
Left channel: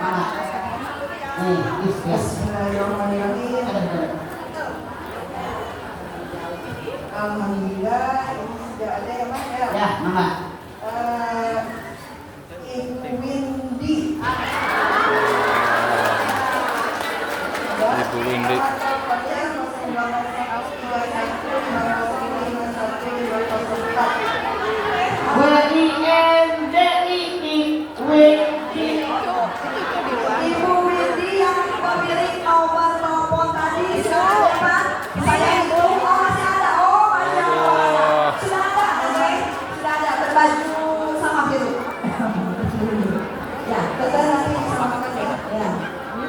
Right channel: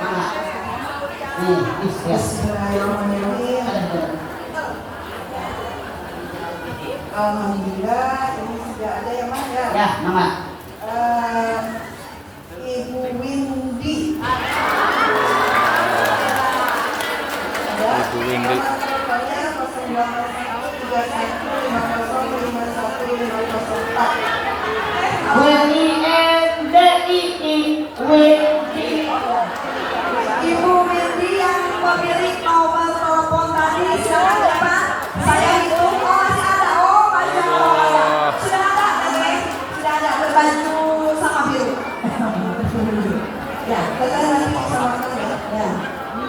Mana? Nih, Bismillahirrahmanirrahim. Alhamdulillah, ini sudah ada yang mana ya? Ya, nama. Ibu Windy. Ibu Windy. Ibu Windy yang pemilik nomor telepon tadi silakan depan. Saya hitung, oh masih ada, oh banyak. Sudah ada, oke? Sudah ada berbaju sama biru. Ya, kita nanti samakan ya.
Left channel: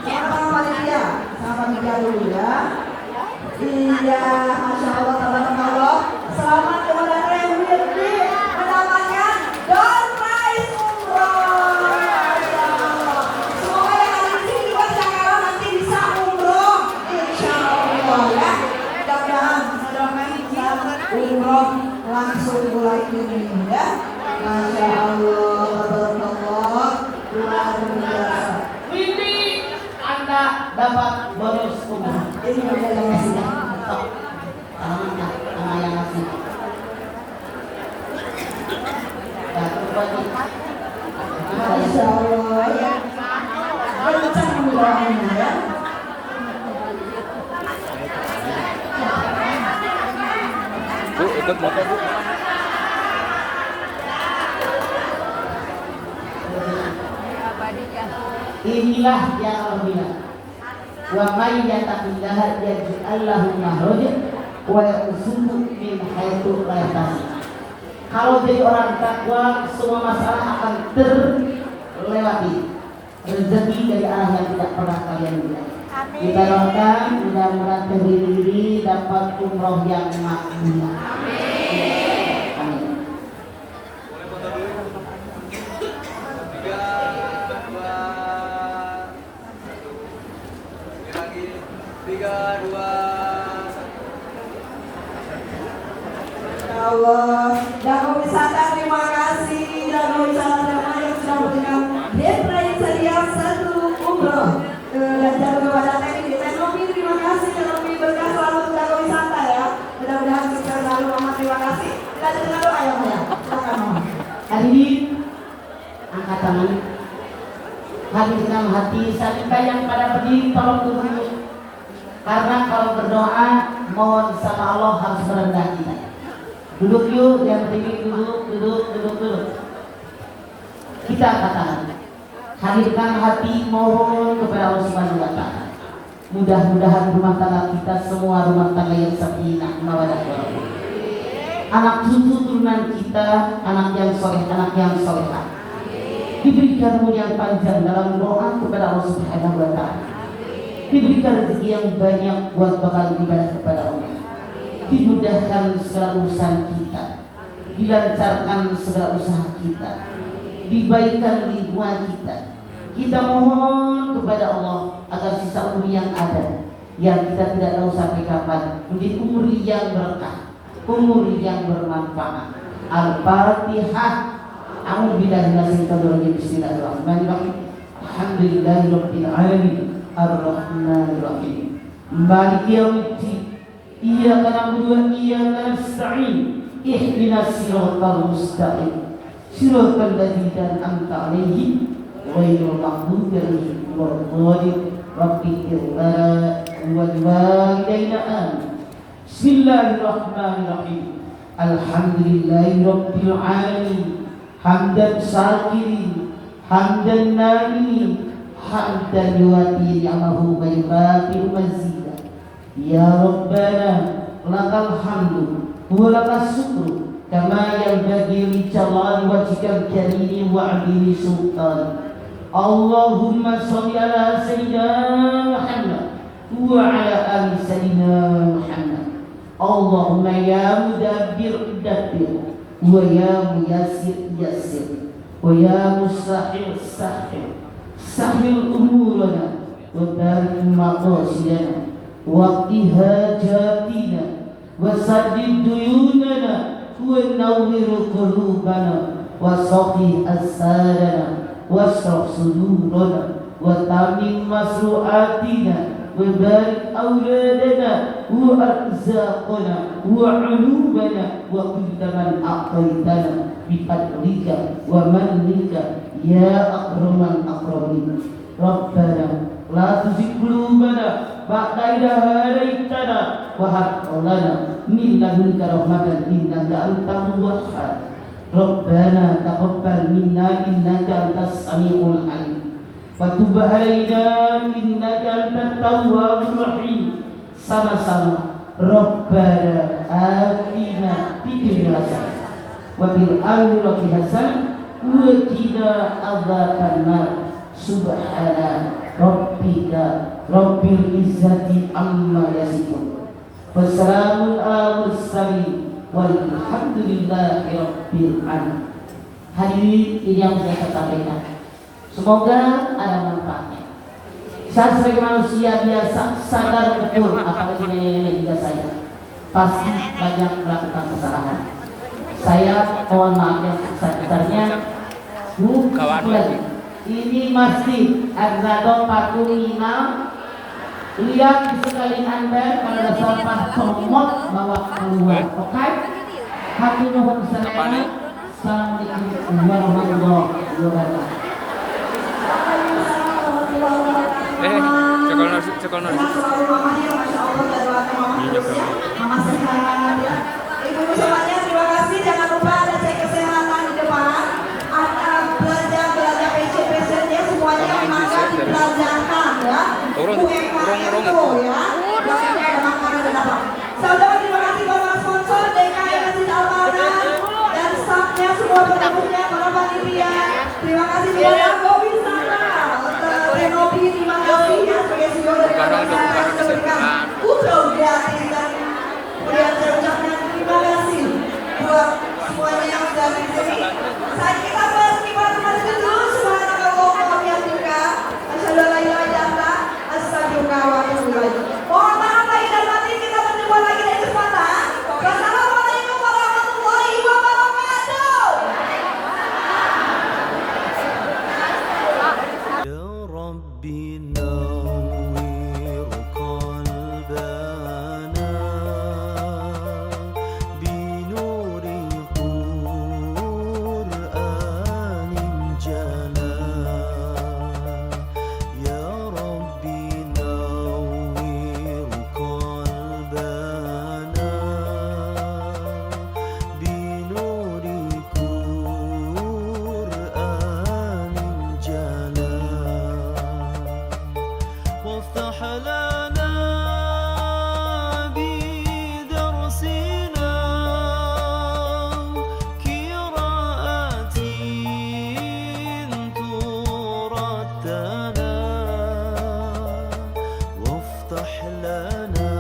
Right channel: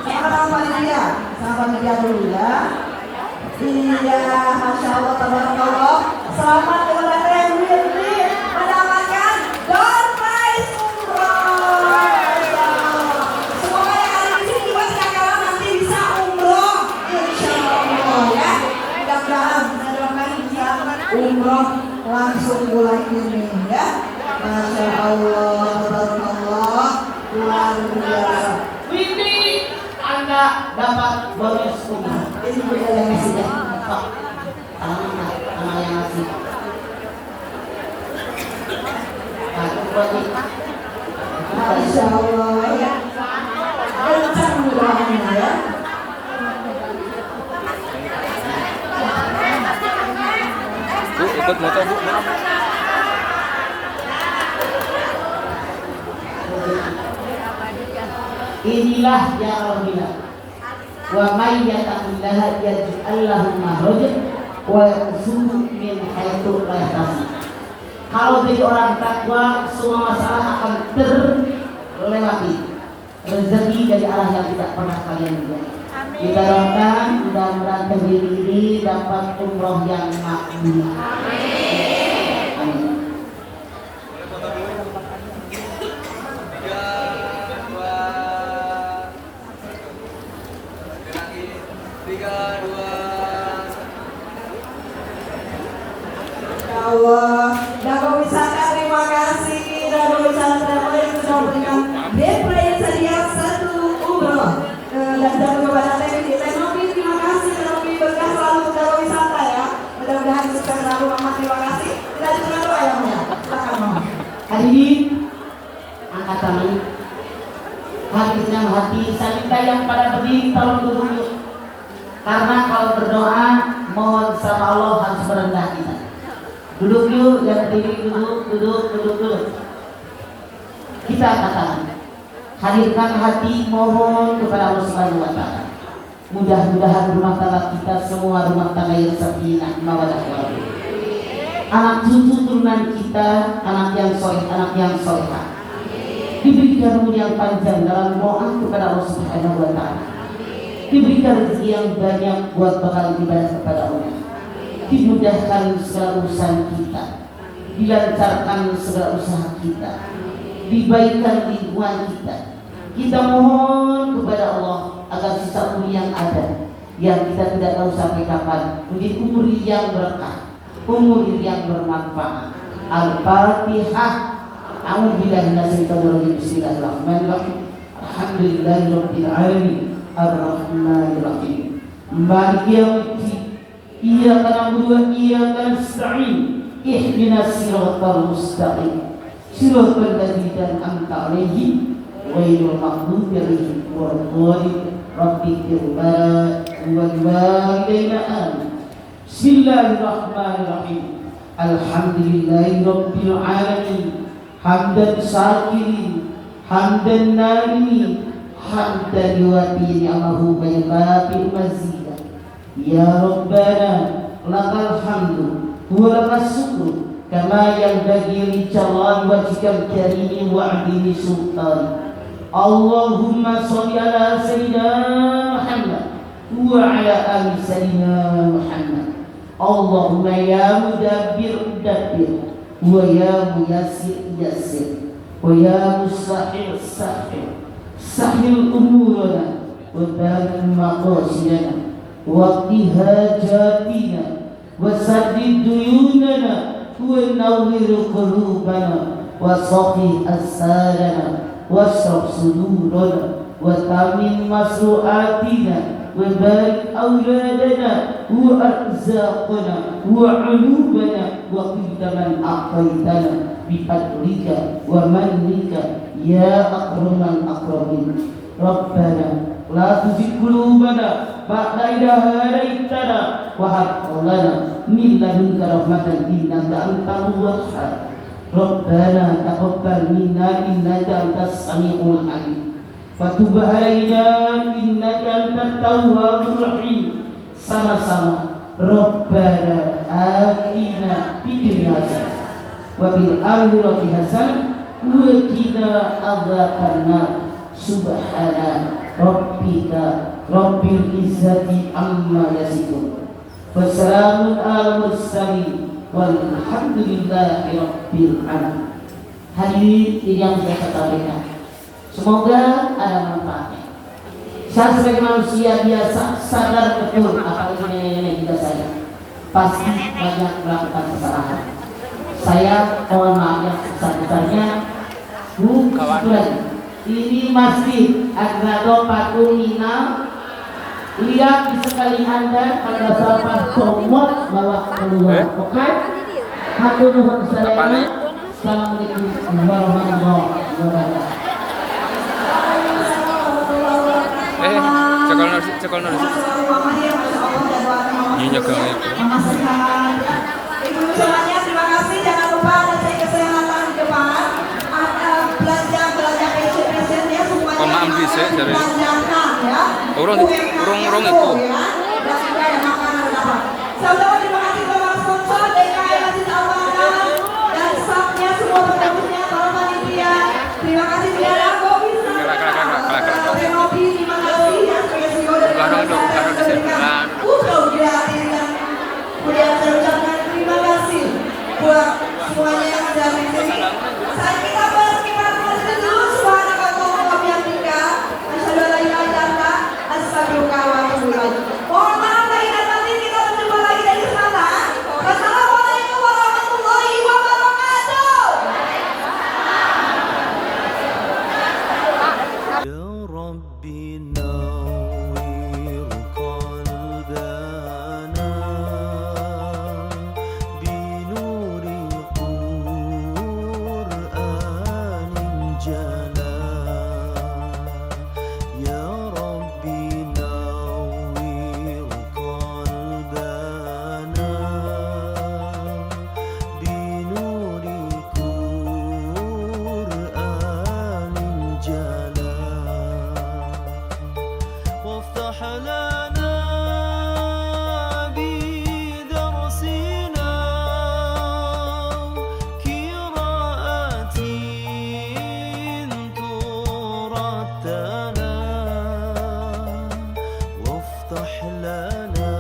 Ya, sama panitia, sama panitia dulu ya. Iya, masya Allah, tabarakallah. Selamat kepada kalian Windy mendapatkan door prize umroh. Masya Allah. Semoga yang ada di sini juga tidak kalah nanti bisa umroh, insya Allah ya. Mudah-mudahan doakan bisa umroh langsung bulan ini ya. Masya Allah, tabarakallah, luar biasa. Windy, Anda dapat bonus umroh. Ini juga yang ngasih ya. Stop. Tangan yang ngasih. Nah, kembali. Masya Allah ya. Kencang doanya ya. Bu, ikut moto bu. Inilah ya Rabbina. Wa may yattaqillaha yaj'al lahu makhrajan wa yarzuqhu min haitsu la yahtasib. Kalau jadi orang takwa, semua masalah akan terlewati. Rezeki dari arah yang tidak pernah kalian lihat. Kita doakan mudah-mudahan ini dapat umroh yang makbul. Amin. Allah, Dago Wisata terima kasih. Dago Wisata terima yang sudah memberikan gift yang sedia satu umroh. Dan jangan kepada teknik teknologi terima kasih. Teknologi berkah selalu untuk Dago Wisata ya. Mudah-mudahan sukses selalu Mama, terima kasih. Kita juga doa ya Mama. Silakan Mama. Hadirin, angkat tangan. Hadirkan hati salita yang pada berdiri, tolong duduk dulu. Karena kalau berdoa, mohon sama Allah harus merendah kita. Duduk yuk, yang berdiri duduk. Kita katakan, hadirkan hati mohon kepada Allah Subhanahu wa Ta'ala. Mudah-mudahan rumah tangga kita semua rumah tangga yang sakinah mawaddah warahmah. Anak cucu turunan kita, anak yang soleh, anak yang solehah. Diberikan umur yang panjang dalam doa kepada Allah Subhanahu wa Ta'ala. Diberikan rezeki yang banyak buat bakal ibadah kepada Allah. Dimudahkan segala urusan kita, dilancarkan segala usaha kita, dibaikkan lingkungan kita. Kita mohon kepada Allah agar sisa umur yang ada, yang kita tidak tahu sampai kapan, menjadi umur yang berkah, umur yang bermanfaat. Al-Fatihah. A'udzubillahi minasyaitonir rajim. Bismillahirrahmanirrahim. Alhamdulillahirabbil alamin. Ar-Rahmanir-Rahim. Maliki yaumiddin. Iyyaka na'budu wa iyyaka nasta'in. Ihdinas siratal mustaqim. Siratal ladzina an'amta 'alaihim ghairil maghdubi 'alaihim waladdallin. Rabbighfir lana wa liwalidayna amin. Bismillahirrahmanirrahim. Alhamdulillahirabbil alamin. Hamdan syakirin, hamdan na'imin, hamdan yuwati ni'amahu wa yukafi mazidah. Ya Rabbana lakal hamdu wa lakas syukru kama yanbaghi li jalali wajhikal karim wa 'azimi sultan. Allahumma shalli ala sayyidina Muhammad wa ala ali sayyidina Muhammad. Allahumma ya mudabbir dabbir wa ya muyassir yassir wa ya mustahil sahil sahil umurana wa barik maqasidana wa hajatina wa saddid duyunana wa nawwir qulubana wa saqi asadana wa shrah sudurana وتمم مسروعاتنا وبارك أولادنا وأرزاقنا وعلومنا وكل من أعطيتنا بفضلك ومنك يا أكرم الأكرمين ربنا لا تزغ قلوبنا بعد إذ هديتنا وهب لنا من لدنك رحمة إنك أنت الوهاب ربنا تقبل منا إنك أنت السميع العليم وتب علينا إنك أنت التواب الرحيم sama-sama Rabbana atina fid dunya hasanah wa fil akhirati hasanah wa qina adzabannar subhana rabbika rabbil izzati amma yasifun wassalamun alal mursalin walhamdulillahi rabbil alamin. Hadirin yang saya sampaikan, semoga ada manfaatnya. Saya sebagai manusia biasa sadar betul apa itu nenek juga saya pasti banyak melakukan kesalahan. Saya mohon maaf yang sebesar-besarnya. Ini masjid Agrado Patung Inam. Lihat di sekali Anda ada sampah comot bawa keluar. Oke? Hatur nuhun sadaya. Assalamualaikum warahmatullahi wabarakatuh. Cekal nasi. Iya, nyekal. Ibu semuanya terima kasih. Jangan lupa ada cek kesehatan di depan. Belanja PC-nya semuanya belanjakan ya. Urung itu. Ya. Dan tidak ada makanan di depan. Saudara terima kasih Bapak sponsor DKI Masjid Al-Falah dan staffnya semua pendapatnya para panitia. Terima kasih semuanya. Gobi sana. Renobi terima kasih ya sebagai CEO dari Kemudian saya ucapkan terima kasih buat semuanya yang sudah menonton. Saat kita berterima dulu subhanallah wa bihamdika asyhadu an la ilaha illa anta astaghfiruka wa atubu ilaik. Mohon maaf lahir dan batin, kita berjumpa lagi dari sana. Wassalamualaikum warahmatullahi wabarakatuh. Ya Rabbi nawwir qalbana binuri Qur'anin jala. Ya Rabbi nawwir qalbana binuri Qur'anin jala. وافتح لنا بدرسنا قراءة ترتلى وافتح لنا